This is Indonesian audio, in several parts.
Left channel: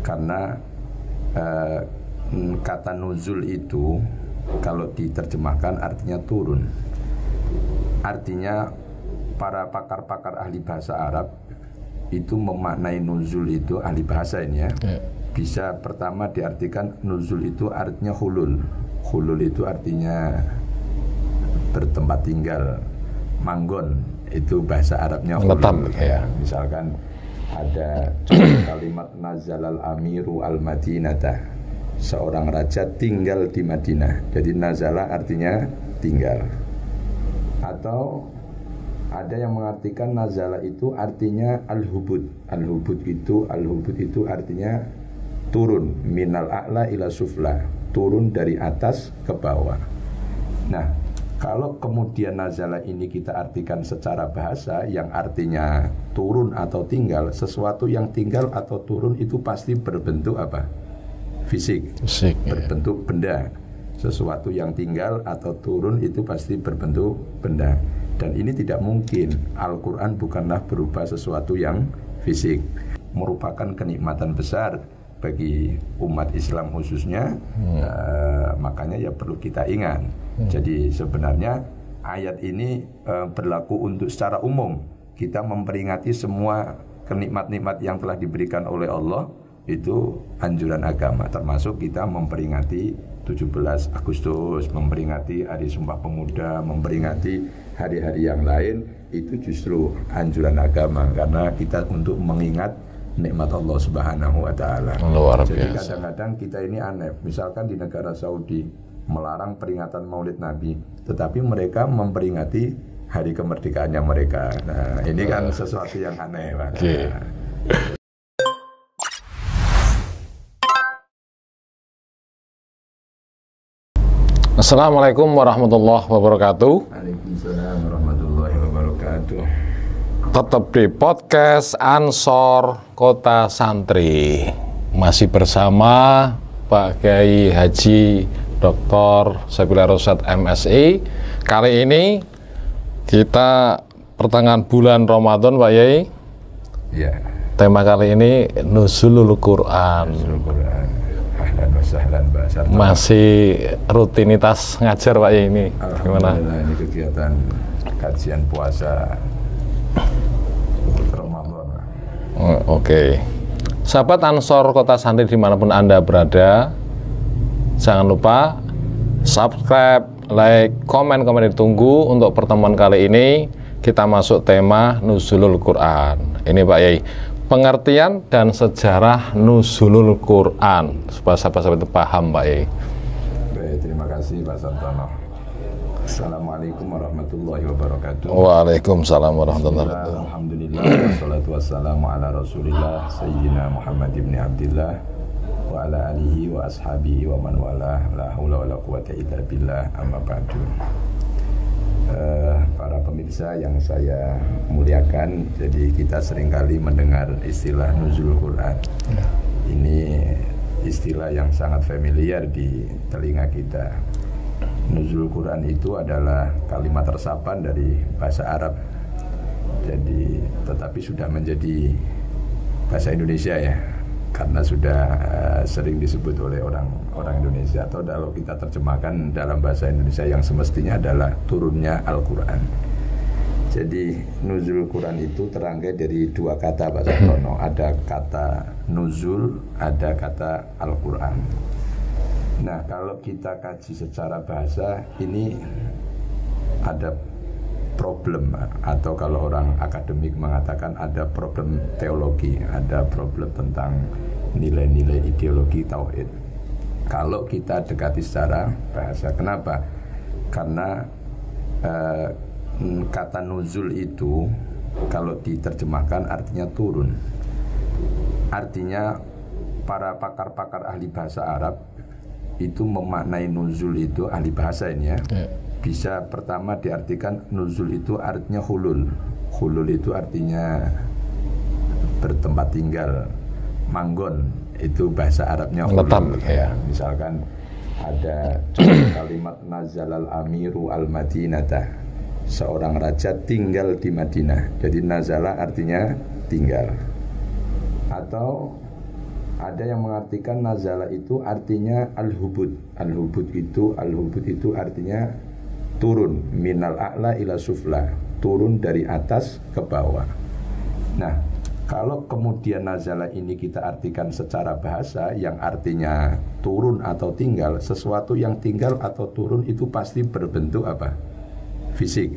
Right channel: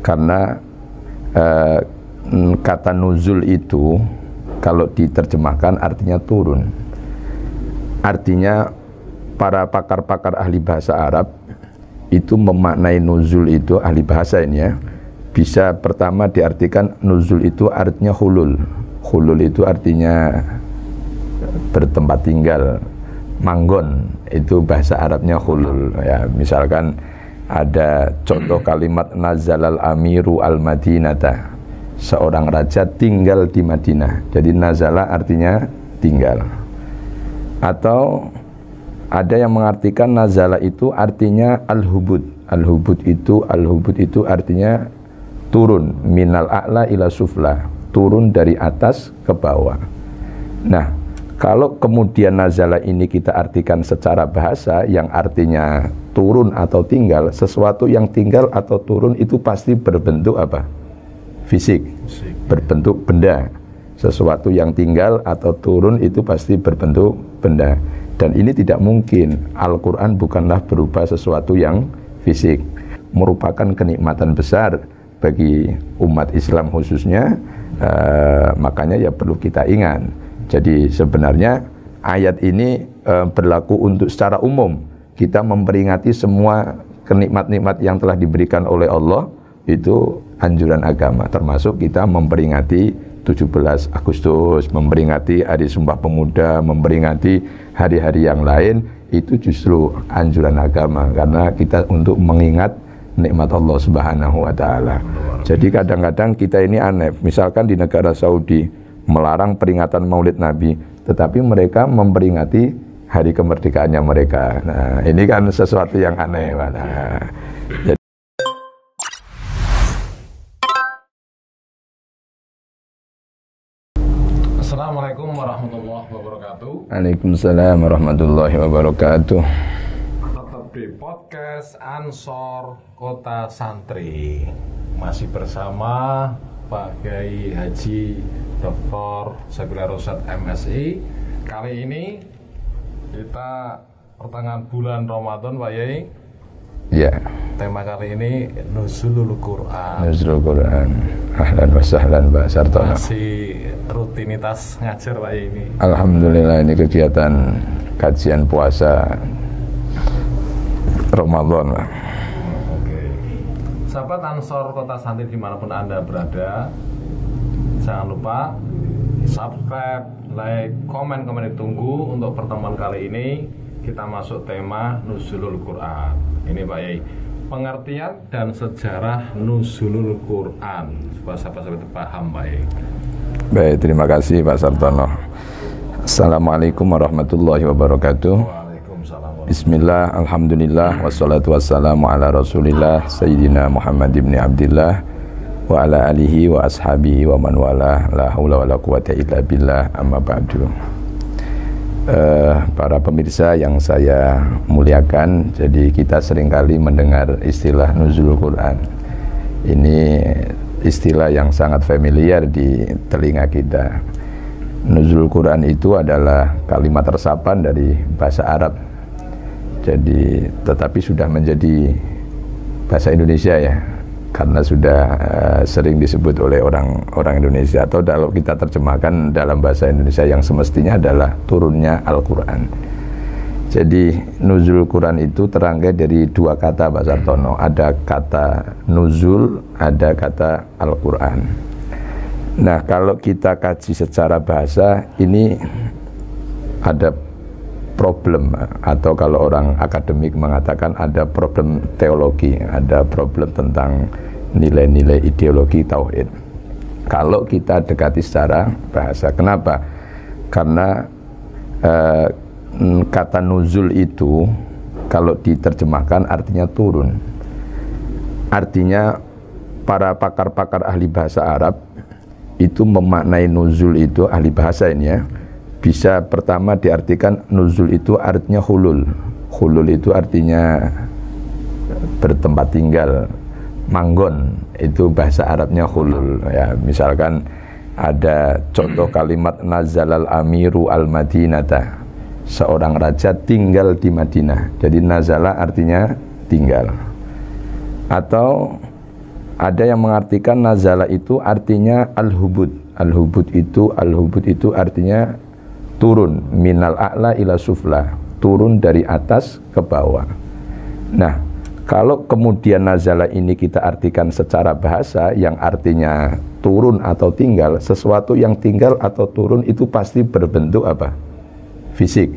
Karena kata nuzul itu kalau diterjemahkan artinya turun. Artinya para pakar-pakar ahli bahasa Arab itu memaknai nuzul itu, ahli bahasa ini ya, bisa pertama diartikan nuzul itu artinya hulul. Hulul itu artinya bertempat tinggal, manggon, itu bahasa Arabnya hulul. Ya, misalkan ada contoh kalimat nazalal amiru al madinata, seorang raja tinggal di Madinah. Jadi nazala artinya tinggal. Atau ada yang mengartikan nazala itu artinya al-hubud. Al-hubud itu artinya turun, minal a'la ila sufla, turun dari atas ke bawah. Nah, kalau kemudian nazala ini kita artikan secara bahasa yang artinya turun atau tinggal, sesuatu yang tinggal atau turun itu pasti berbentuk apa? Fisik, berbentuk benda. Sesuatu yang tinggal atau turun itu pasti berbentuk benda. Dan ini tidak mungkin. Al-Quran bukanlah berupa sesuatu yang fisik. Merupakan kenikmatan besar bagi umat Islam khususnya. Makanya ya perlu kita ingat. Jadi sebenarnya ayat ini berlaku untuk secara umum. Kita memperingati semua kenikmat-nikmat yang telah diberikan oleh Allah. Itu anjuran agama, termasuk kita memperingati 17 Agustus, memperingati Hari Sumpah Pemuda, memperingati hari-hari yang lain, itu justru anjuran agama, karena kita untuk mengingat nikmat Allah Subhanahu wa Ta'ala. Jadi kadang-kadang kita ini aneh, misalkan di negara Saudi melarang peringatan Maulid Nabi, tetapi mereka memperingati hari kemerdekaannya mereka. Nah, ini kan sesuatu yang aneh, Pak. Nah, Assalamualaikum warahmatullahi wabarakatuh. Waalaikumsalam warahmatullahi wabarakatuh. Tetap di podcast Ansor Kota Santri. Masih bersama Pak Kiai Haji Dr. Saifullah Rosyad MSI. Kali ini kita pertengahan bulan Ramadan, Pak Kiai. Ya. Tema kali ini Nuzulul Quran. Nuzulul Quran. Ahlan wa sahlan Pak Sarto. Masih rutinitas ngajar Pak ya ini. Alhamdulillah, ini kegiatan kajian puasa Ramadan. Oke. Sahabat Ansor Kota Santri dimanapun Anda berada, jangan lupa subscribe, like, komen ditunggu. Untuk pertemuan kali ini kita masuk tema Nuzulul Quran. Ini Pak Yai, pengertian dan sejarah Nuzulul Quran supaya sahabat-sahabat itu paham, Pak Yai. Baik, terima kasih Pak Sartono. Assalamualaikum warahmatullahi wabarakatuh. Waalaikumsalam warahmatullahi Bismillah, alhamdulillah, wassalatu wassalamu ala rasulillah Sayyidina Muhammad ibn Abdillah wa ala alihi wa ashabihi wa man wala, la hawla wa la quwata illa billah, amma ba'du. Para pemirsa yang saya muliakan, jadi kita seringkali mendengar istilah Nuzulul Quran. Ini istilah yang sangat familiar di telinga kita. Nuzulul Quran itu adalah kalimat resapan dari bahasa Arab. Jadi tetapi sudah menjadi bahasa Indonesia ya, karena sudah sering disebut oleh orang Indonesia, atau kalau kita terjemahkan dalam bahasa Indonesia yang semestinya adalah turunnya Al-Quran. Jadi Nuzul Quran itu terangkai dari dua kata Pak Sartono. Ada kata Nuzul, ada kata Al-Quran. Nah, kalau kita kaji secara bahasa, ini ada problem, atau kalau orang akademik mengatakan ada problem teologi, ada problem tentang nilai-nilai ideologi tauhid. Kalau kita dekati secara bahasa, kenapa? Karena kata nuzul itu kalau diterjemahkan artinya turun. Artinya para pakar-pakar ahli bahasa Arab itu memaknai nuzul itu, ahli bahasa ini ya, bisa pertama diartikan nuzul itu artinya hulul. Hulul itu artinya bertempat tinggal, manggon, itu bahasa Arabnya hulul. Ya, misalkan ada contoh kalimat nazalal amiru al madinata, seorang raja tinggal di Madinah. Jadi nazala artinya tinggal. Atau Ada yang mengartikan nazala itu artinya al-hubud. Al-hubud itu artinya turun, minal a'la ila sufla, turun dari atas ke bawah. Nah, kalau kemudian nazala ini kita artikan secara bahasa yang artinya turun atau tinggal, sesuatu yang tinggal atau turun itu pasti berbentuk apa? Fisik,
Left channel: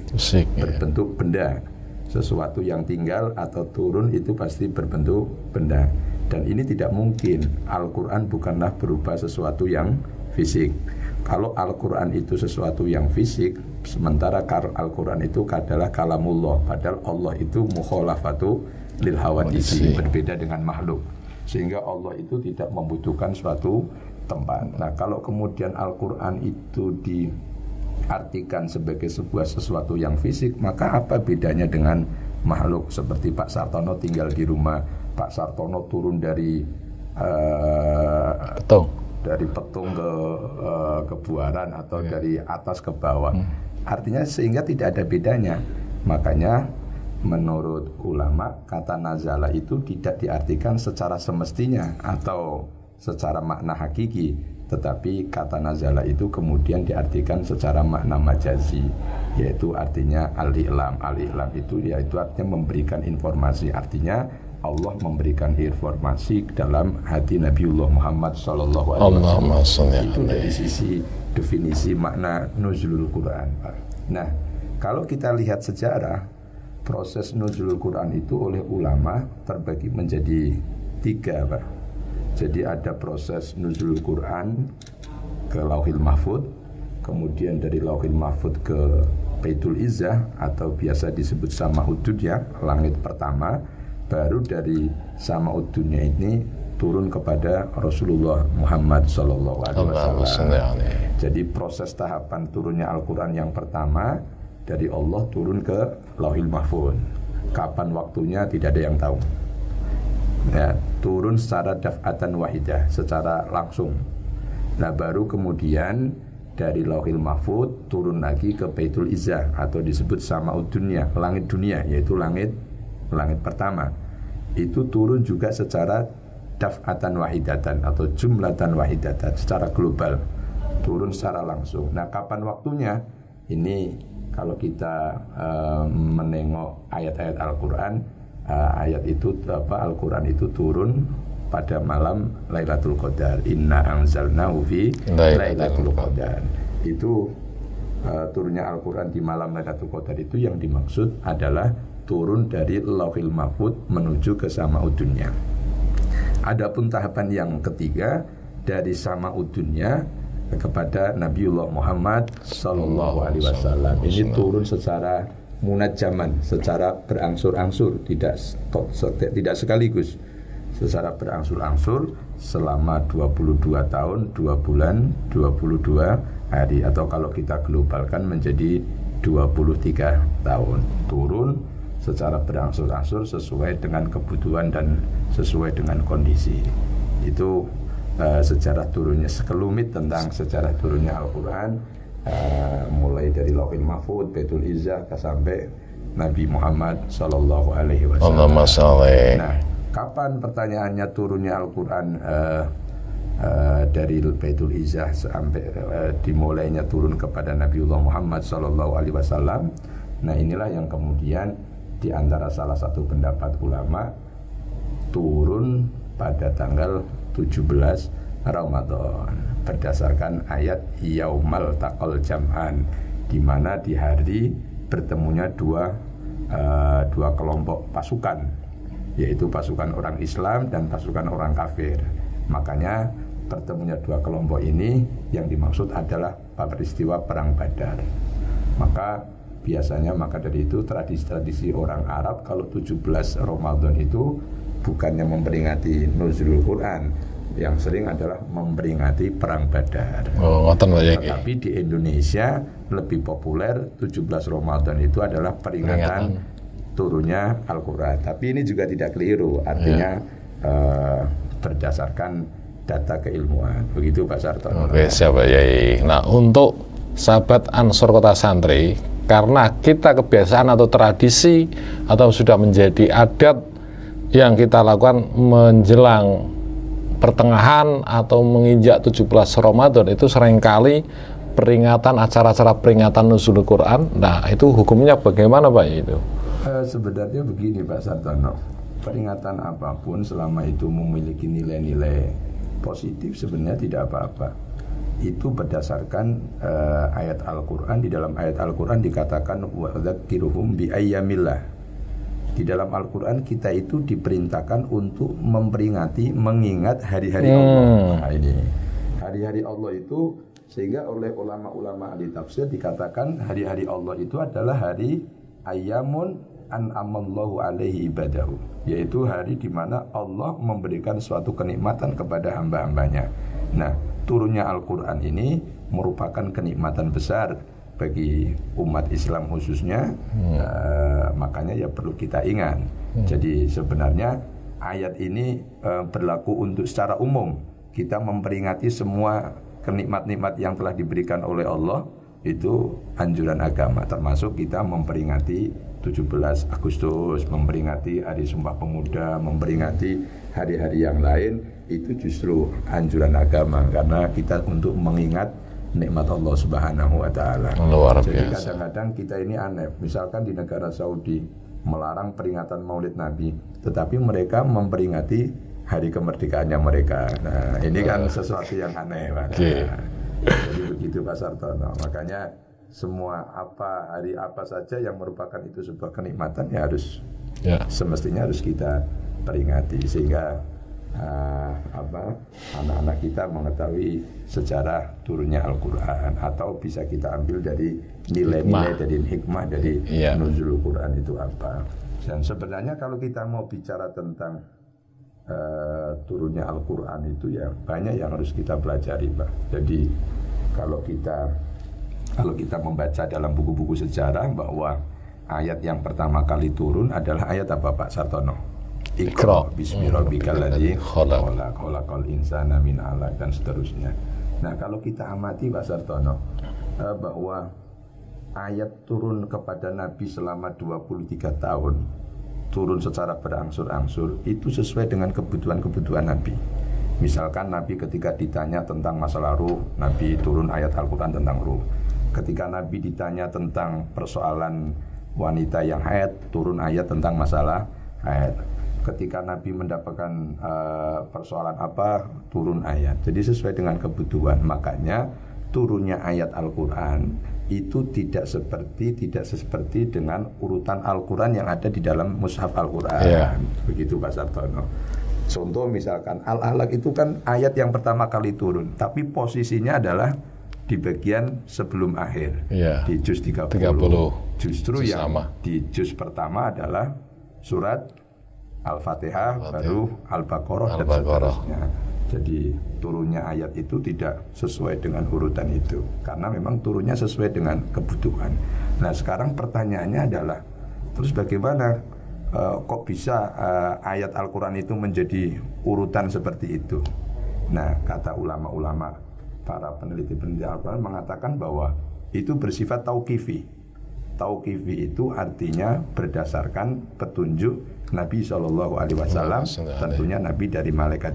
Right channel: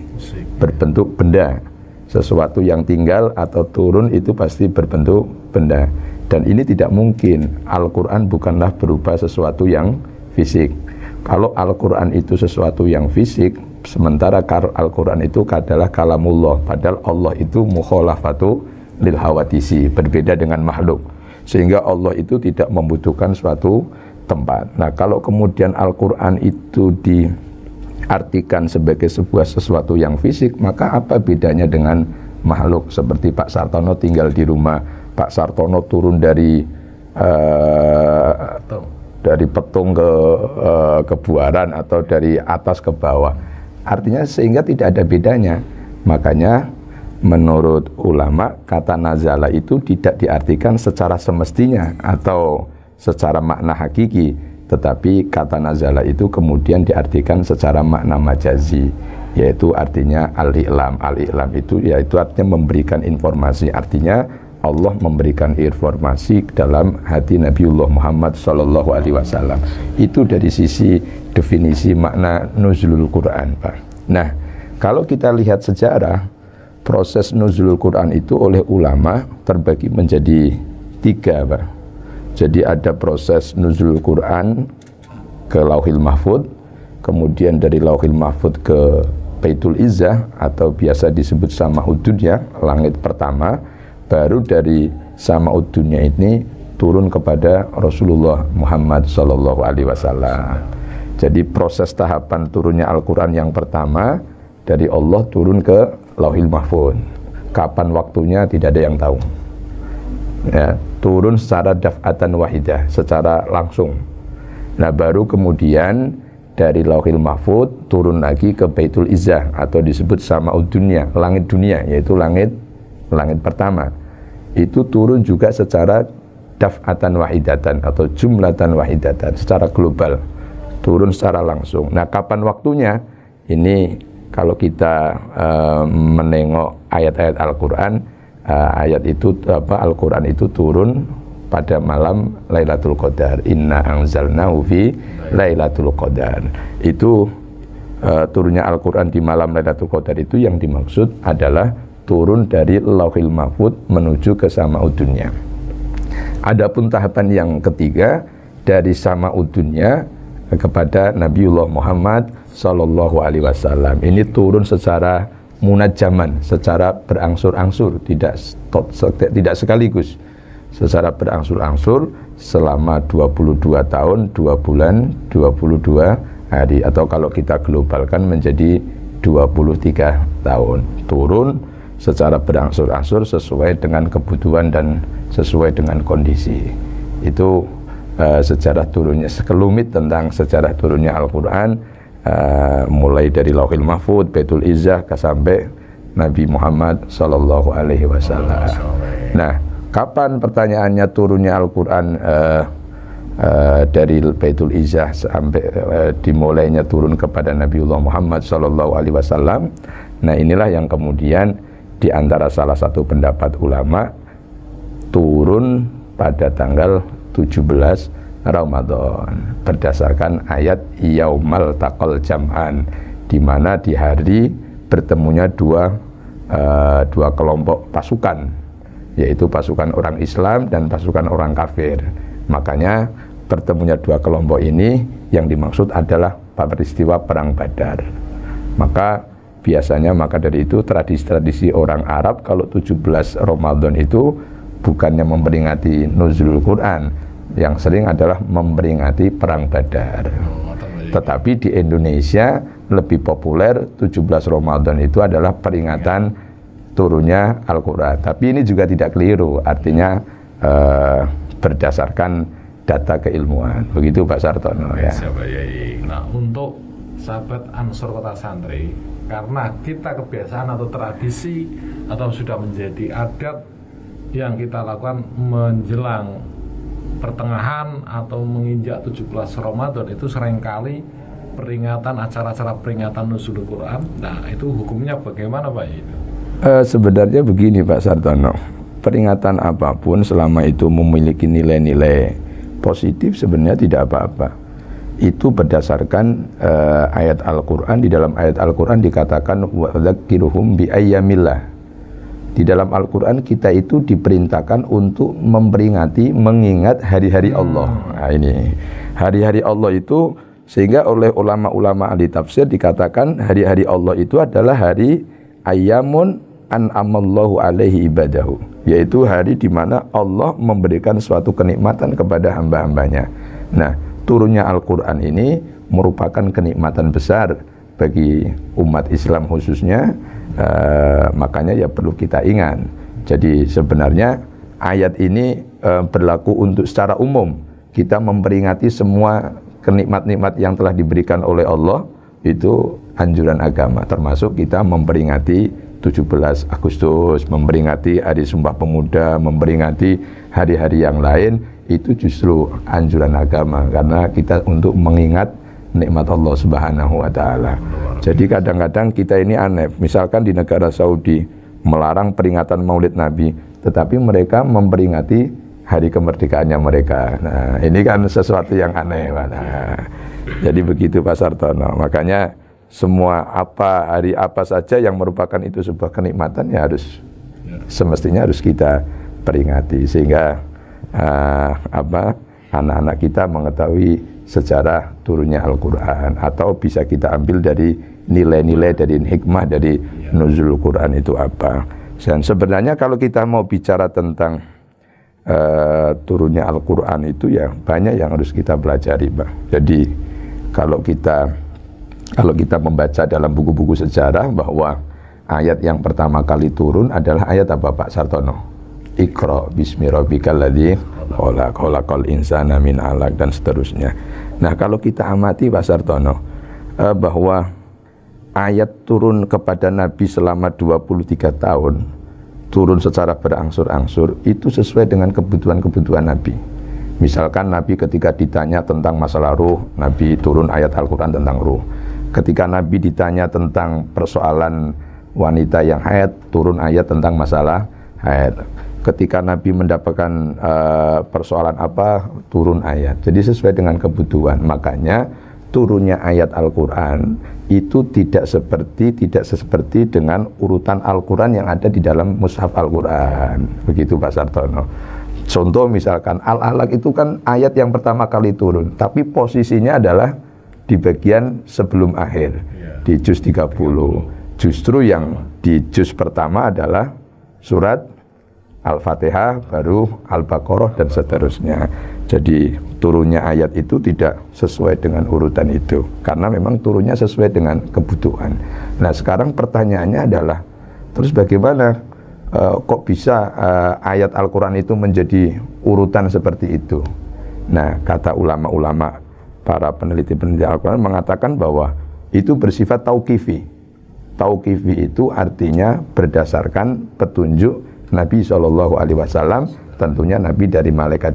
berbentuk benda. Sesuatu yang tinggal atau turun itu pasti berbentuk benda. Dan ini tidak mungkin. Al-Quran bukanlah berupa sesuatu yang fisik. Kalau Al-Quran itu sesuatu yang fisik, sementara Al-Quran itu adalah kalamullah, padahal Allah itu mukhalafatu lil hawadisi, berbeda dengan makhluk, sehingga Allah itu tidak membutuhkan suatu tempat. Nah, kalau kemudian Al-Quran itu diartikan sebagai sebuah sesuatu yang fisik, maka apa bedanya dengan makhluk? Seperti Pak Sartono tinggal di rumah, Pak Sartono turun dari petung ke buaran atau dari atas ke bawah. Artinya sehingga tidak ada bedanya. Makanya menurut ulama kata nazala itu tidak diartikan secara semestinya atau secara makna hakiki, tetapi kata nazala itu kemudian diartikan secara makna majazi, yaitu artinya al-i'lam. Al-i'lam itu yaitu artinya memberikan informasi. Artinya Allah memberikan informasi dalam hati Nabiullah Muhammad SAW. Itu dari sisi definisi makna nuzulul Quran, Pak. Nah, kalau kita lihat sejarah, proses nuzulul Quran itu oleh ulama terbagi menjadi 3, Pak. Jadi ada proses nuzulul Quran ke Lauhil Mahfud, kemudian dari Lauhil Mahfud ke Baitul Izzah atau biasa disebut Sama'ud Dunya, langit pertama. Baru dari Sama'ud Dunya ini turun kepada Rasulullah Muhammad SAW. Jadi proses tahapan turunnya Al-Quran yang pertama dari Allah turun ke Lauhil Mahfud. Kapan waktunya tidak ada yang tahu. Ya, turun secara daf'atan wahidah, secara langsung. Nah, baru kemudian dari Lauhil Mahfud turun lagi ke Baitul Izzah atau disebut Sama'ud Dunya, langit dunia, yaitu langit pertama. Itu turun juga secara daf'atan wahidatan atau jumlatan wahidatan, secara global, turun secara langsung. Nah, kapan waktunya? Ini kalau kita menengok ayat-ayat Al-Quran, Al-Quran itu turun pada malam Lailatul Qadar. Inna anzalnahu fi Lailatul Qadar. Itu turunnya Al-Quran di malam Lailatul Qadar itu yang dimaksud adalah turun dari Lauhil Mahfud menuju ke Sama'ud Dunya. Adapun tahapan yang ketiga dari Sama'ud Dunya kepada Nabiullah Muhammad sallallahu alaihi wasallam. Ini turun secara munajaman, secara berangsur-angsur, tidak sekaligus. Secara berangsur-angsur selama 22 tahun, 2 bulan, 22 hari, atau kalau kita globalkan menjadi 23 tahun. Turun secara berangsur-angsur sesuai dengan kebutuhan dan sesuai dengan kondisi. Itu sejarah turunnya, sekelumit tentang sejarah turunnya Al-Quran, mulai dari Lauhil Mahfud, Baitul Izzah, sampai Nabi Muhammad Sallallahu Alaihi Wasallam. Nah, kapan pertanyaannya turunnya Al-Quran dari Baitul Izzah sampai dimulainya turun kepada Nabiullah Muhammad Sallallahu Alaihi Wasallam? Nah, inilah yang kemudian di antara salah satu pendapat ulama turun pada tanggal 17 Ramadan berdasarkan ayat Yaumal Taqal Jam'an, di mana di hari bertemunya dua kelompok pasukan, yaitu pasukan orang Islam dan pasukan orang kafir. Makanya bertemunya dua kelompok ini yang dimaksud adalah peristiwa Perang Badar. Maka dari itu tradisi-tradisi orang Arab kalau 17 Ramadan itu bukannya memperingati nuzulul Quran, yang sering adalah memperingati Perang Badar. Tetapi di Indonesia lebih populer 17 Ramadan itu adalah peringatan turunnya Al-Quran. Tapi ini juga tidak keliru, artinya berdasarkan data keilmuan. Begitu Pak Sartono. Siapa Yai. Nah, untuk sahabat Ansor Kota Santri, karena kita kebiasaan atau tradisi atau sudah menjadi adat yang kita lakukan menjelang pertengahan atau menginjak 17 Ramadan itu seringkali peringatan acara-acara peringatan nuzul Quran. Nah, itu hukumnya bagaimana Pak itu? Sebenarnya begini Pak Sartono, peringatan apapun selama itu memiliki nilai-nilai positif sebenarnya tidak apa-apa. Itu berdasarkan ayat Al-Quran. Di dalam ayat Al-Quran dikatakan wadzakirhum bi ayyamillah. Di dalam Al-Quran kita itu diperintahkan untuk memperingati, mengingat hari-hari Allah. Nah, ini hari-hari Allah itu, sehingga oleh ulama-ulama ahli tafsir dikatakan hari-hari Allah itu adalah hari ayyamun an'amallahu alaihi ibadahu, yaitu hari di mana Allah memberikan suatu kenikmatan kepada hamba-hambanya. Nah, turunnya Al-Quran ini merupakan kenikmatan besar bagi umat Islam khususnya. Makanya ya perlu kita ingat. Jadi sebenarnya ayat ini berlaku untuk secara umum. Kita memperingati semua kenikmat-nikmat yang telah diberikan oleh Allah, itu anjuran agama, termasuk kita memperingati 17 Agustus, memperingati Hari Sumpah Pemuda, memperingati hari-hari yang lain, itu justru anjuran agama, karena kita untuk mengingat nikmat Allah Subhanahu wa Ta'ala. Jadi kadang-kadang kita ini aneh, misalkan di negara Saudi melarang peringatan Maulid Nabi, tetapi mereka memperingati hari kemerdekaannya mereka. Nah, ini kan sesuatu yang aneh, Pak. Nah, jadi begitu Pak Sartono. Makanya semua hari apa saja yang merupakan itu sebuah kenikmatan ya harus semestinya harus kita peringati, sehingga anak-anak kita mengetahui sejarah turunnya Al-Quran, atau bisa kita ambil dari nilai-nilai dari hikmah dari nuzul Quran itu apa. Dan sebenarnya kalau kita mau bicara tentang turunnya Al-Quran itu ya banyak yang harus kita pelajari, Pak. Jadi kalau kita membaca dalam buku-buku sejarah bahwa ayat yang pertama kali turun adalah ayat apa Pak Sartono? Iqra bismi rabbikal ladzi khalaq, khalaqal insana min 'alaq, dan seterusnya. Nah, kalau kita amati Pak Sartono, bahwa ayat turun kepada Nabi selama 23 tahun, turun secara berangsur-angsur, itu sesuai dengan kebutuhan-kebutuhan Nabi. Misalkan Nabi ketika ditanya tentang masalah ruh, Nabi turun ayat Al-Quran tentang ruh. Ketika Nabi ditanya tentang persoalan wanita yang haid, turun ayat tentang masalah haid. Ketika Nabi mendapatkan persoalan apa, turun ayat. Jadi sesuai dengan kebutuhan. Makanya turunnya ayat Al-Quran itu tidak seperti dengan urutan Al-Quran yang ada di dalam mushaf Al-Quran. Begitu Pak Sartono. Contoh misalkan Al-Alaq itu kan ayat yang pertama kali turun, tapi posisinya adalah di bagian sebelum akhir, di juz 30. Justru yang di juz pertama adalah surat Al-Fatihah, baru Al-Baqarah, dan seterusnya. Jadi turunnya ayat itu tidak sesuai dengan urutan itu, karena memang turunnya sesuai dengan kebutuhan. Nah, sekarang pertanyaannya adalah, terus bagaimana kok bisa ayat Al-Quran itu menjadi urutan seperti itu? Nah, kata ulama-ulama, para peneliti-peneliti Al-Quran mengatakan bahwa itu bersifat tauqifi. Tauqifi itu artinya berdasarkan petunjuk Nabi SAW, tentunya Nabi dari malaikat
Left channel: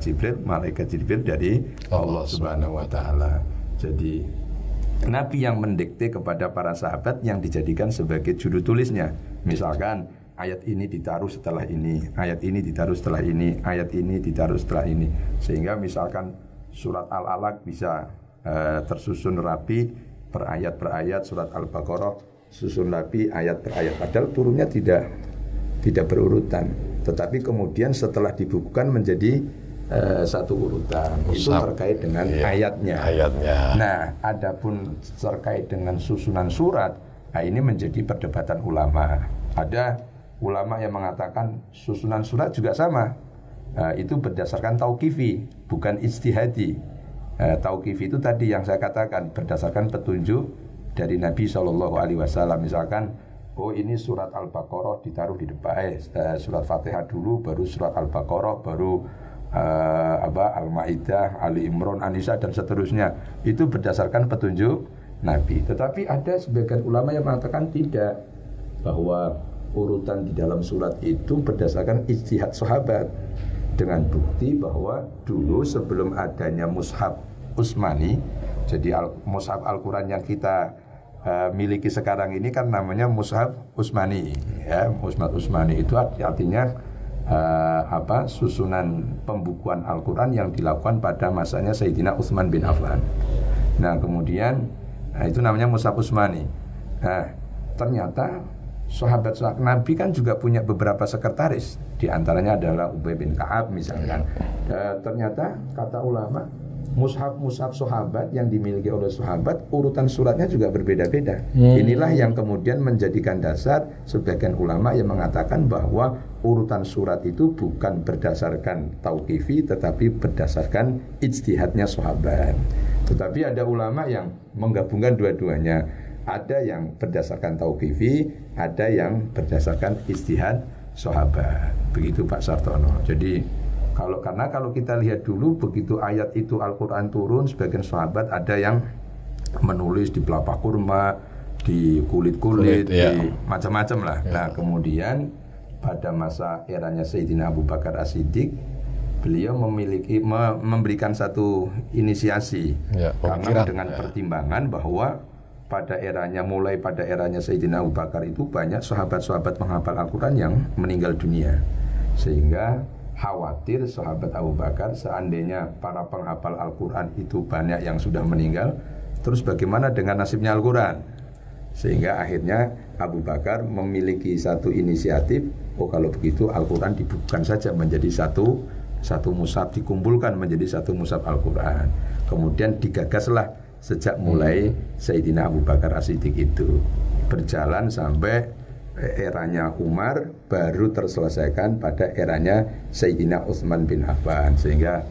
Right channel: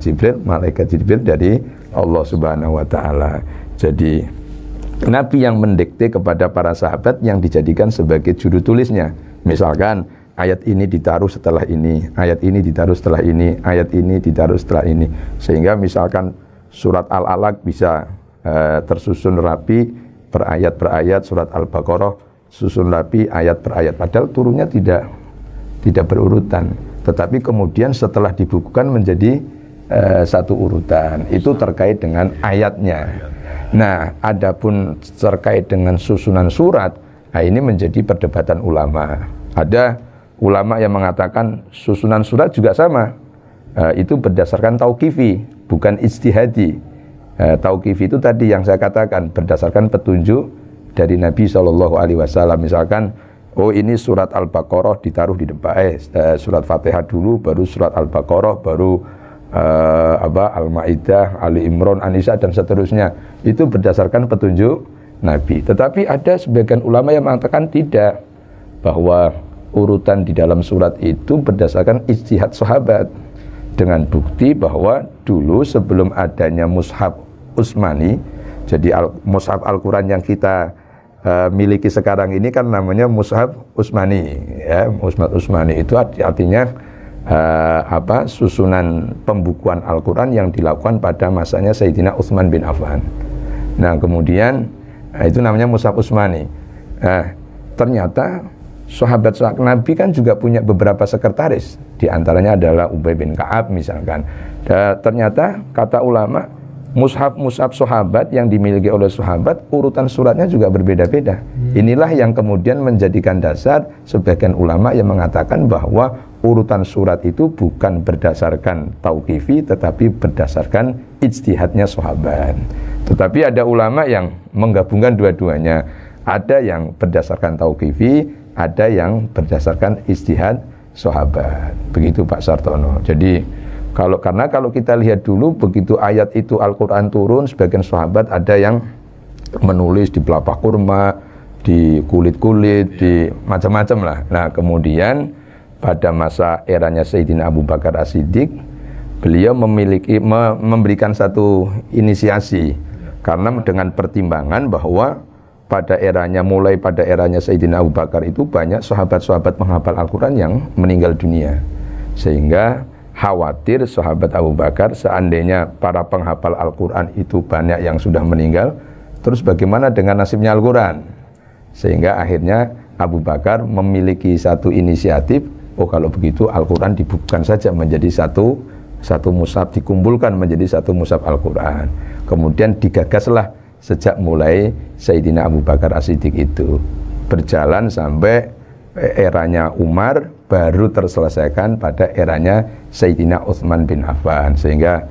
Jibril dari Allah Subhanahu wa Ta'ala. Jadi Nabi yang mendikte kepada para sahabat yang dijadikan sebagai juru tulisnya. Misalkan ayat ini ditaruh setelah ini, ayat ini ditaruh setelah ini, ayat ini ditaruh setelah ini, sehingga misalkan surat Al-Alaq bisa tersusun rapi per ayat, surat Al-Baqarah susun rapi ayat per ayat, padahal turunnya tidak berurutan, tetapi kemudian setelah dibukukan menjadi satu urutan. Itu terkait dengan ayatnya. Nah, adapun terkait dengan susunan surat, nah ini menjadi perdebatan ulama. Ada ulama yang mengatakan susunan surat juga sama, itu berdasarkan tauqifi, bukan ijtihadi. Tauqifi itu tadi yang saya katakan berdasarkan petunjuk dari Nabi SAW. Misalkan, oh ini surat Al-Baqarah ditaruh di depan, surat Fatihah dulu, baru surat Al-Baqarah, baru Al-Ma'idah, Ali Imran, An-Nisa, dan seterusnya. Itu berdasarkan petunjuk Nabi. Tetapi ada sebagian ulama yang mengatakan tidak, bahwa urutan di dalam surat itu berdasarkan ijtihad sahabat. dengan bukti bahwa dulu sebelum adanya mushaf Utsmani, jadi mushaf Al-Quran yang kita miliki sekarang ini kan namanya mushaf Utsmani, ya. Mushaf Utsmani itu artinya susunan pembukuan Al-Quran yang dilakukan pada masanya Sayyidina Utsman bin Affan. Nah kemudian itu namanya mushaf Utsmani. Ternyata sahabat Nabi kan juga punya beberapa sekretaris, di antaranya adalah Ubay bin Ka'ab misalkan. Ternyata kata ulama, mushaf sahabat yang dimiliki oleh sahabat urutan suratnya juga berbeda-beda. Inilah yang kemudian menjadikan dasar sebagian ulama yang mengatakan bahwa urutan surat itu bukan berdasarkan tauqifi tetapi berdasarkan ijtihadnya sahabat. Tetapi ada ulama yang menggabungkan dua-duanya. Ada yang berdasarkan tauqifi, ada yang berdasarkan ijtihad sahabat. Begitu Pak Sartono. Jadi karena kalau kita lihat dulu begitu ayat itu Al-Quran turun, sebagian sahabat ada yang menulis di pelepah kurma, di kulit-kulit, di macam-macam lah. Nah kemudian pada masa eranya Sayyidina Abu Bakar As-Siddiq, beliau memberikan satu inisiasi karena dengan pertimbangan bahwa mulai pada eranya Sayyidina Abu Bakar itu banyak sahabat-sahabat menghafal Al-Quran yang meninggal dunia, sehingga khawatir sahabat Abu Bakar seandainya para penghafal Al-Quran itu banyak yang sudah meninggal, terus bagaimana dengan nasibnya Al-Quran? Sehingga akhirnya Abu Bakar memiliki satu inisiatif, kalau begitu Al-Quran dibukukan saja menjadi satu mushaf, dikumpulkan menjadi satu mushaf Al-Quran. Kemudian digagaslah sejak mulai Sayyidina Abu Bakar As-Siddiq itu, berjalan sampai eranya Umar, baru terselesaikan pada eranya Sayyidina Utsman bin Affan. Sehingga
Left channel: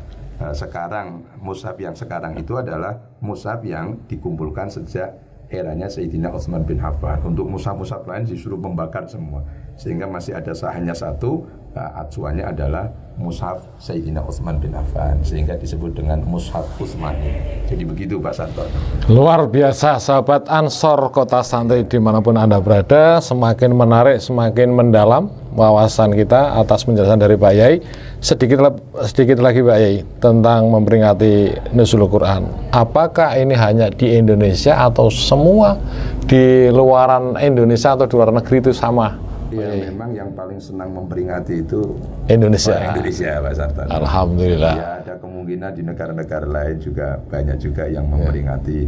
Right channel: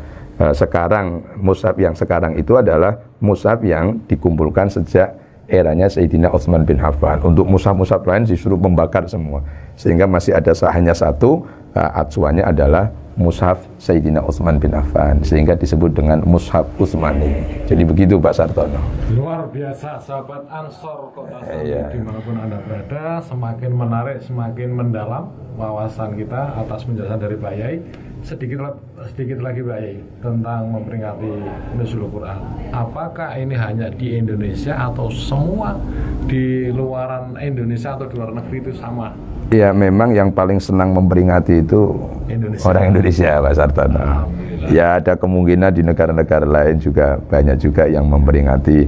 sekarang mushaf yang sekarang itu adalah mushaf yang dikumpulkan sejak eranya Sayyidina Utsman bin Affan. Untuk mushaf-mushaf lain disuruh membakar semua, sehingga masih ada hanya satu acuannya adalah mushaf Sayyidina Utsman bin Affan, sehingga disebut dengan mushaf Utsmani. Jadi begitu Pak Sartono. Luar biasa, sahabat Ansor Kota Santri dimanapun Anda berada. Semakin menarik, semakin mendalam wawasan kita atas penjelasan dari Pak Yai. Sedikit lagi Pak Yai tentang memperingati Nuzulul Quran. Apakah ini hanya di Indonesia atau semua di luaran Indonesia atau di luar negeri itu sama? Ya memang yang paling senang memperingati itu orang Indonesia Pak Sartono. Alhamdulillah. Ya ada kemungkinan di negara-negara lain juga banyak juga yang memperingati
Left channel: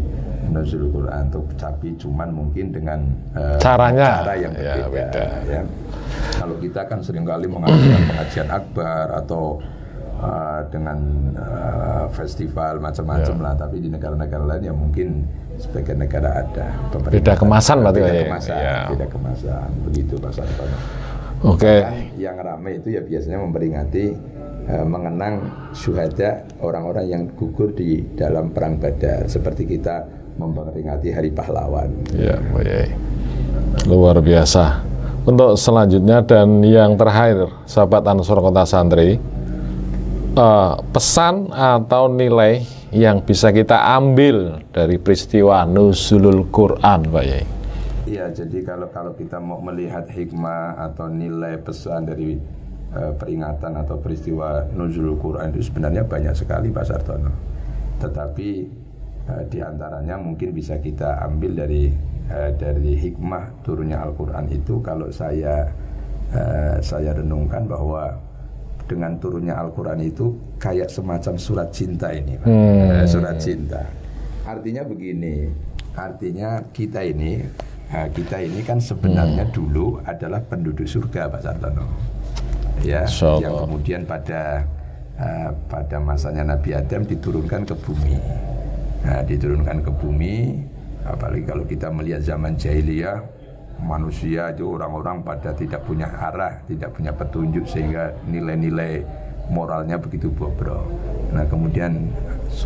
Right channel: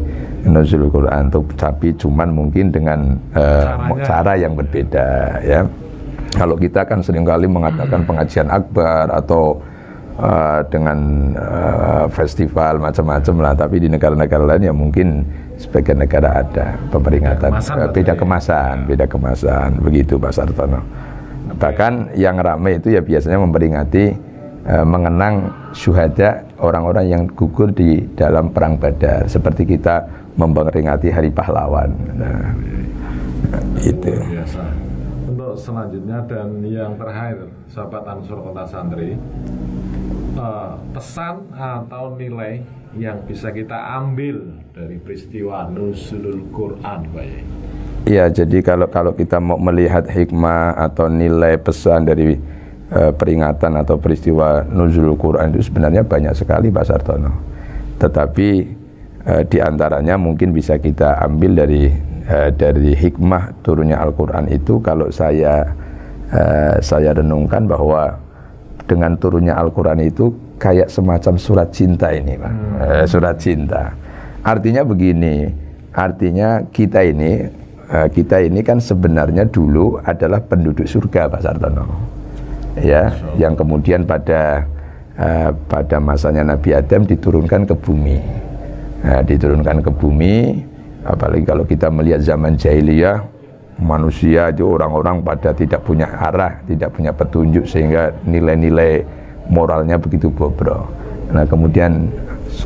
Nuzulul Quran, tapi cuman mungkin dengan cara yang berbeda ya. Kalau kita kan seringkali mengadakan pengajian akbar atau dengan festival macam-macam lah, tapi di negara-negara lain ya mungkin sebagian negara ada pemeringatan, beda kemasan, begitu Pak Sartono. Bahkan yang ramai itu ya biasanya memperingati mengenang syuhada, orang-orang yang gugur di dalam perang Badar, seperti kita memperingati Hari Pahlawan. Luar biasa. Untuk selanjutnya dan yang terakhir, sahabat Ansor Kota Santri, pesan atau nilai yang bisa kita ambil dari peristiwa Nuzulul Quran, Pak Yai? Iya, jadi kalau kita mau melihat hikmah atau nilai pesan dari peringatan atau peristiwa Nuzulul Quran itu sebenarnya banyak sekali Pak Sartono. Tetapi di antaranya mungkin bisa kita ambil dari hikmah turunnya Al-Quran itu, kalau saya renungkan bahwa dengan turunnya Al-Quran itu kayak semacam surat cinta ini Pak. Surat cinta. Artinya begini, artinya kita ini kan sebenarnya dulu adalah penduduk surga Pak Sartono. Ya, yang kemudian pada masanya Nabi Adam diturunkan ke bumi. Nah, diturunkan ke bumi, apalagi kalau kita melihat zaman jahiliyah, manusia itu orang-orang pada tidak punya arah, tidak punya petunjuk, sehingga nilai-nilai moralnya begitu bobrok. Nah kemudian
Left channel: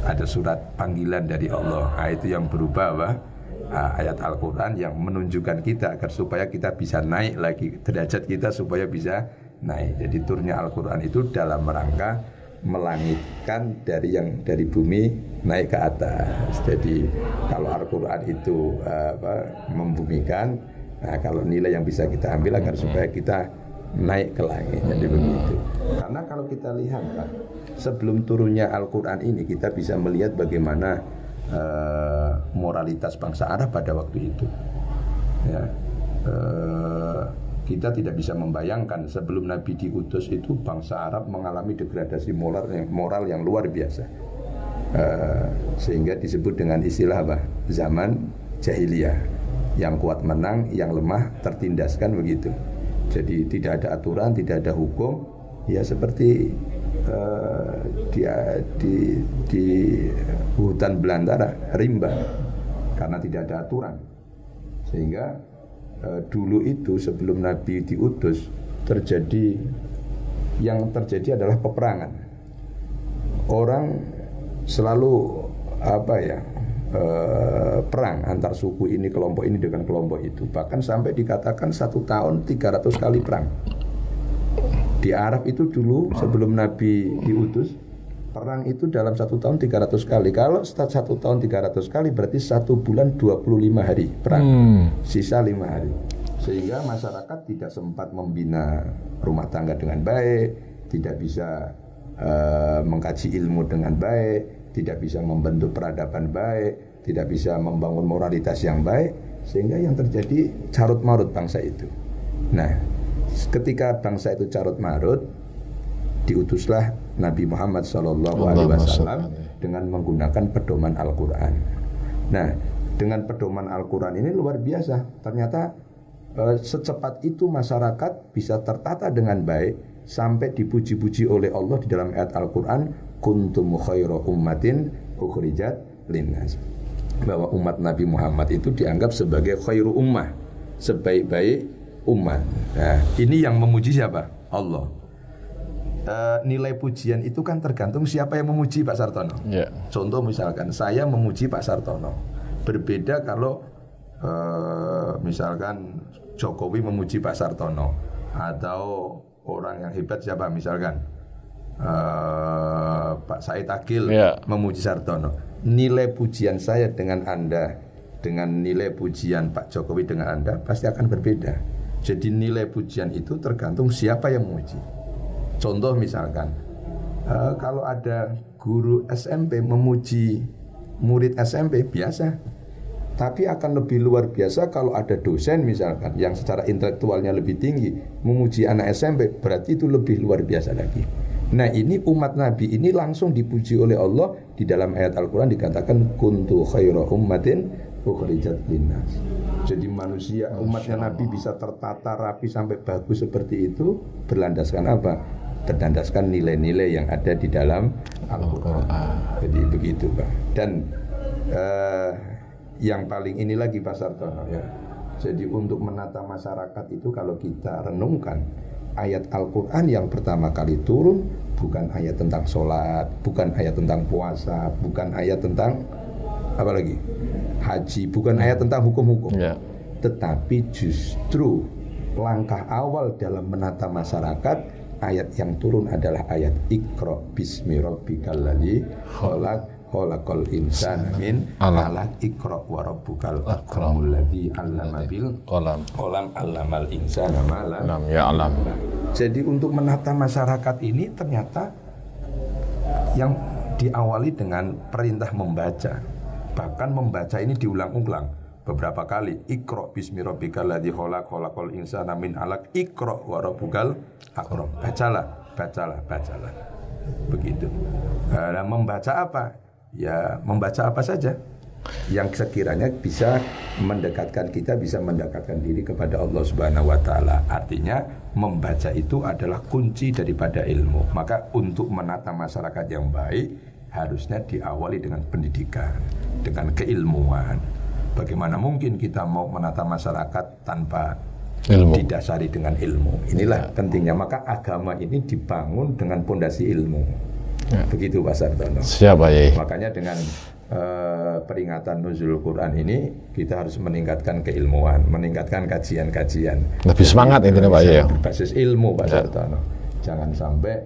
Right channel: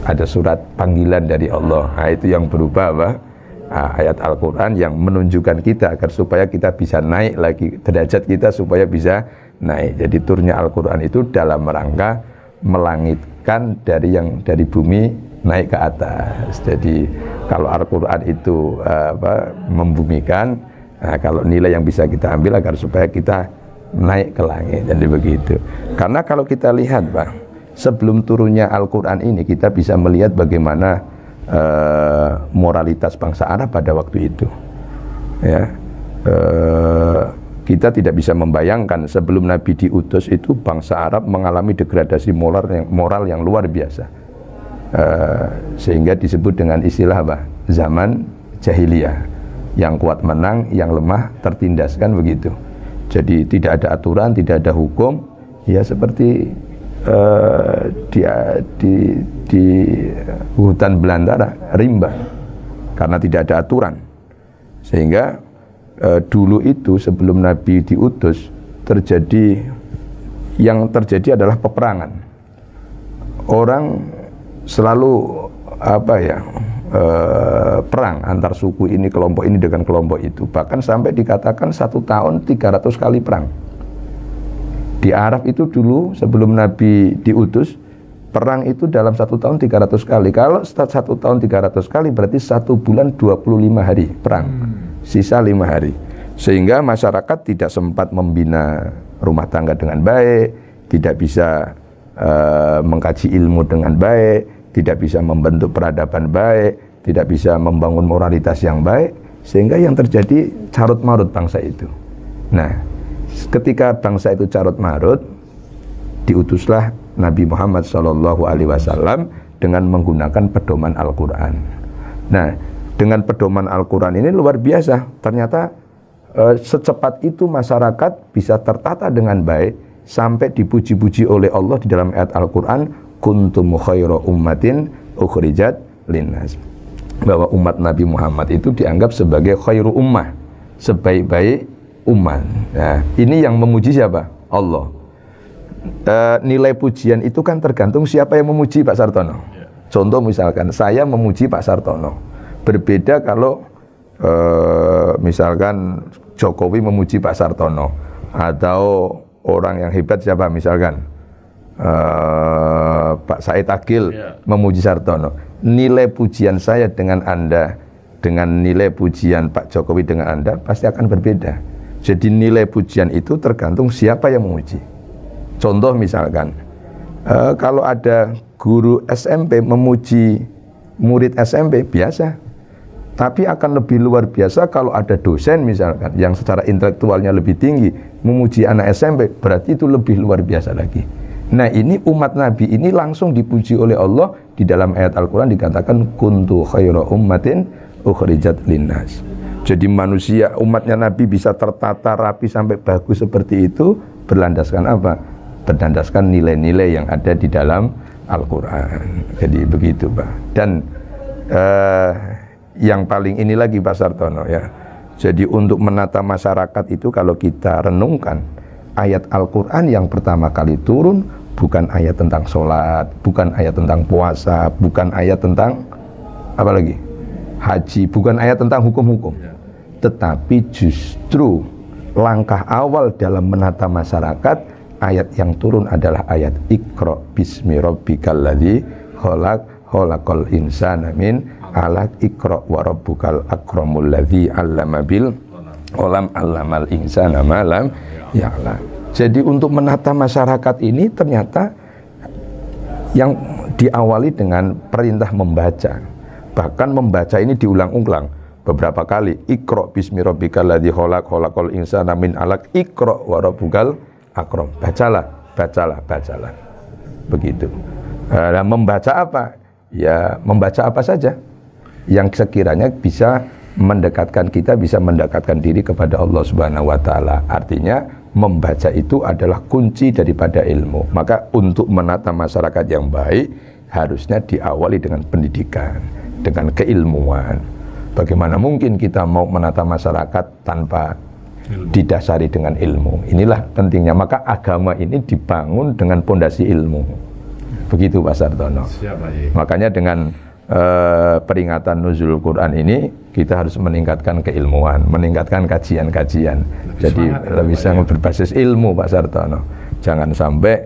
ada surat panggilan dari Allah, nah, itu yang berubah apa? Ayat Al-Quran yang menunjukkan kita agar supaya kita bisa naik lagi derajat kita, supaya bisa naik. Jadi turunnya Al-Quran itu dalam rangka melangitkan dari bumi naik ke atas. Jadi kalau Al-Quran itu membumikan, nah, kalau nilai yang bisa kita ambil agar supaya kita naik ke langit. Jadi begitu. Karena kalau kita lihat Pak, sebelum turunnya Al-Quran ini kita bisa melihat bagaimana moralitas bangsa Arab pada waktu itu. Ya, kita tidak bisa membayangkan sebelum Nabi diutus itu bangsa Arab mengalami degradasi moral yang luar biasa, sehingga disebut dengan istilah apa? Zaman jahiliyah, yang kuat menang, yang lemah tertindas, kan begitu. Jadi tidak ada aturan, tidak ada hukum, ya seperti di hutan belantara, rimba, karena tidak ada aturan. Sehingga dulu itu sebelum Nabi diutus yang terjadi adalah peperangan. Orang selalu perang antar suku ini, kelompok ini dengan kelompok itu. Bahkan sampai dikatakan 1 tahun 300 kali perang. Di Arab itu dulu sebelum Nabi diutus, perang itu dalam 1 tahun 300 kali. Kalau 1 tahun 300 kali berarti 1 bulan 25 hari perang, sisa 5 hari. Sehingga masyarakat tidak sempat membina rumah tangga dengan baik, tidak bisa mengkaji ilmu dengan baik, tidak bisa membentuk peradaban baik, tidak bisa membangun moralitas yang baik, sehingga yang terjadi carut marut bangsa itu. Nah, ketika bangsa itu carut marut, diutuslah Nabi Muhammad SAW dengan menggunakan pedoman Al-Quran. Nah, dengan pedoman Al-Quran ini luar biasa. Ternyata secepat itu masyarakat bisa tertata dengan baik sampai dipuji-puji oleh Allah di dalam ayat Al-Quran, kuntum khairu ummatin ukhrijat linnas, bahwa umat Nabi Muhammad itu dianggap sebagai khairu ummah, sebaik-baik umat. Nah, ini yang memuji siapa? Allah. Nilai pujian itu kan tergantung siapa yang memuji, Pak Sartono. Contoh misalkan saya memuji Pak Sartono, berbeda kalau misalkan Jokowi memuji Pak Sartono, atau orang yang hebat siapa misalkan Pak Said Agil memuji Sartono. Nilai pujian saya dengan Anda, dengan nilai pujian Pak Jokowi dengan Anda pasti akan berbeda. Jadi nilai pujian itu tergantung siapa yang memuji. Contoh misalkan, kalau ada guru SMP memuji murid SMP biasa, tapi akan lebih luar biasa kalau ada dosen misalkan yang secara intelektualnya lebih tinggi memuji anak SMP, berarti itu lebih luar biasa lagi. Nah, ini umat Nabi ini langsung dipuji oleh Allah di dalam ayat Al-Quran, dikatakan kuntu khairu ummatin ukhrijat linnas. Jadi manusia, umatnya Nabi bisa tertata rapi sampai bagus seperti itu berlandaskan apa? Berdasarkan nilai-nilai yang ada di dalam Al-Quran. Jadi begitu Pak. Dan yang paling ini lagi Pak Sartono ya, jadi untuk menata masyarakat itu kalau kita renungkan, ayat Al-Quran yang pertama kali turun bukan ayat tentang sholat, bukan ayat tentang puasa, bukan ayat tentang apa lagi? Haji, bukan ayat tentang hukum-hukum, tetapi justru langkah awal dalam menata masyarakat. Ayat yang turun adalah ayat Iqra bismi rabbikal ladzi khalaq khalaqal insana min 'alaq Iqra wa rabbukal akramul ladzi 'allama bil qalam 'allamal insana ma lam ya'lam. Jadi untuk menata masyarakat ini ternyata yang diawali dengan perintah membaca. Bahkan membaca ini diulang-ulang beberapa kali. Iqra bismi rabbikal ladzi khalaq khalaqal insana min 'alaq Iqra wa rabbukal akram, bacalah. Begitu. Nah, membaca apa? Ya, membaca apa saja yang sekiranya bisa mendekatkan kita, bisa mendekatkan diri kepada Allah Subhanahu wa taala. Artinya membaca itu adalah kunci daripada ilmu. Maka untuk menata masyarakat yang baik harusnya diawali dengan pendidikan, dengan keilmuan. Bagaimana mungkin kita mau menata masyarakat tanpa ilmu, didasari dengan ilmu? Inilah pentingnya. Maka agama ini dibangun dengan pondasi ilmu. Begitu Pak Sartono. Siapa ya? Makanya dengan peringatan Nuzul Quran ini kita harus meningkatkan keilmuan, meningkatkan kajian-kajian. Lebih semangat itu Pak ya. Berbasis ilmu Pak Sartono. Jangan sampai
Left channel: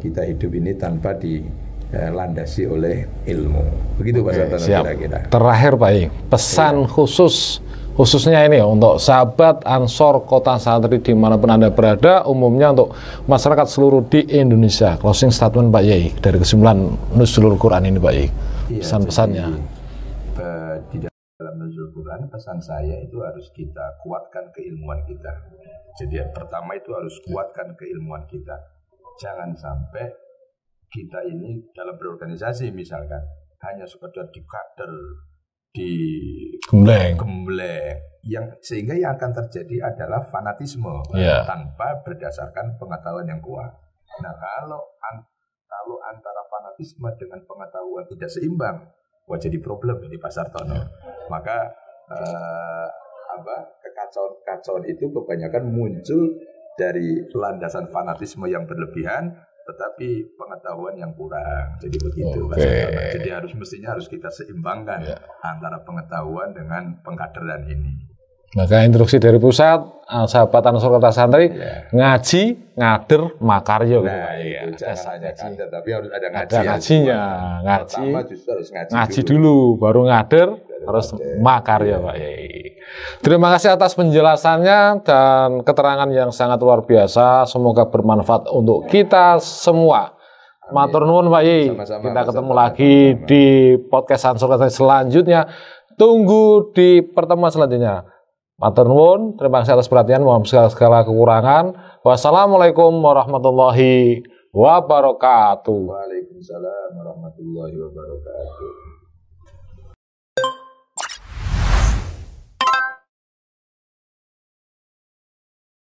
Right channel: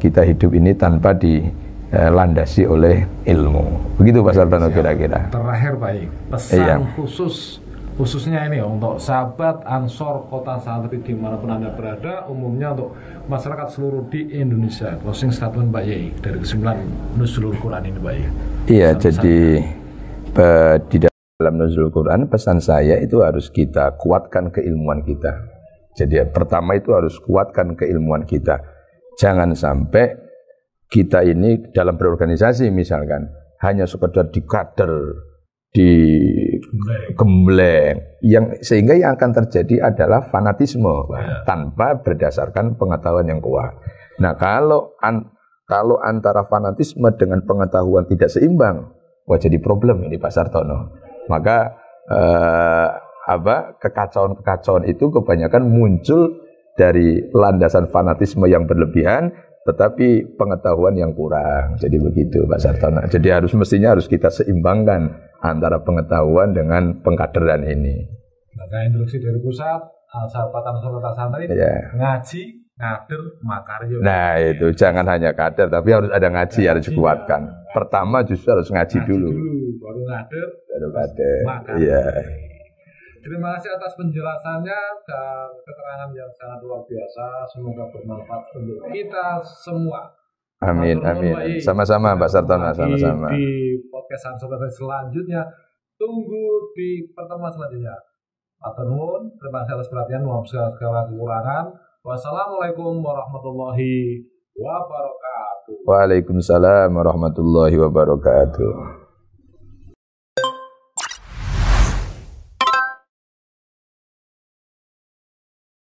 kita hidup ini tanpa dilandasi oleh ilmu. Begitu Pak Sartono kira-kira. Terakhir Pak, pesan khusus khususnya ini ya, untuk sahabat Ansor Kota Santri dimanapun Anda berada, umumnya untuk masyarakat seluruh di Indonesia. Closing statement Pak Yai dari kesimpulan Nuzulul Quran ini Pak Yai. Iya, jadi di dalam Nuzulul Quran pesan saya itu harus kita kuatkan keilmuan kita. Jadi pertama itu harus kuatkan keilmuan kita. Jangan sampai kita ini dalam berorganisasi misalkan hanya sekedar dikader, gembleng, yang sehingga yang akan terjadi adalah fanatisme tanpa berdasarkan pengetahuan yang kuat. Nah, kalau antara fanatisme dengan pengetahuan tidak seimbang, wah jadi problem ini Pak Sartono. Maka kekacauan itu kebanyakan muncul dari landasan fanatisme yang berlebihan, tetapi pengetahuan yang kurang. Jadi begitu Pak Sartono. Jadi mestinya harus kita seimbangkan antara pengetahuan dengan pengkaderan ini. Maka instruksi dari pusat, sahabat Ansor Kota Santri, ngaji, ngader, makaryo. Nah itu jangan hanya kader, tapi harus ada ngaji, harus dikuatkan. Pertama justru harus ngaji dulu, baru ngader, terus makaryo. Terima kasih atas penjelasannya dan keterangan yang sangat luar biasa. Semoga bermanfaat untuk kita semua. Matur nuwun Pak Yai. Sama-sama Pak Sartono. Lagi di podcast Ansor Kota selanjutnya. Tunggu di pertemuan selanjutnya. Matur nuwun. Terima kasih atas perhatian. Mohon segala kekurangan. Wassalamualaikum warahmatullahi wabarakatuh. Waalaikumsalam warahmatullahi wabarakatuh.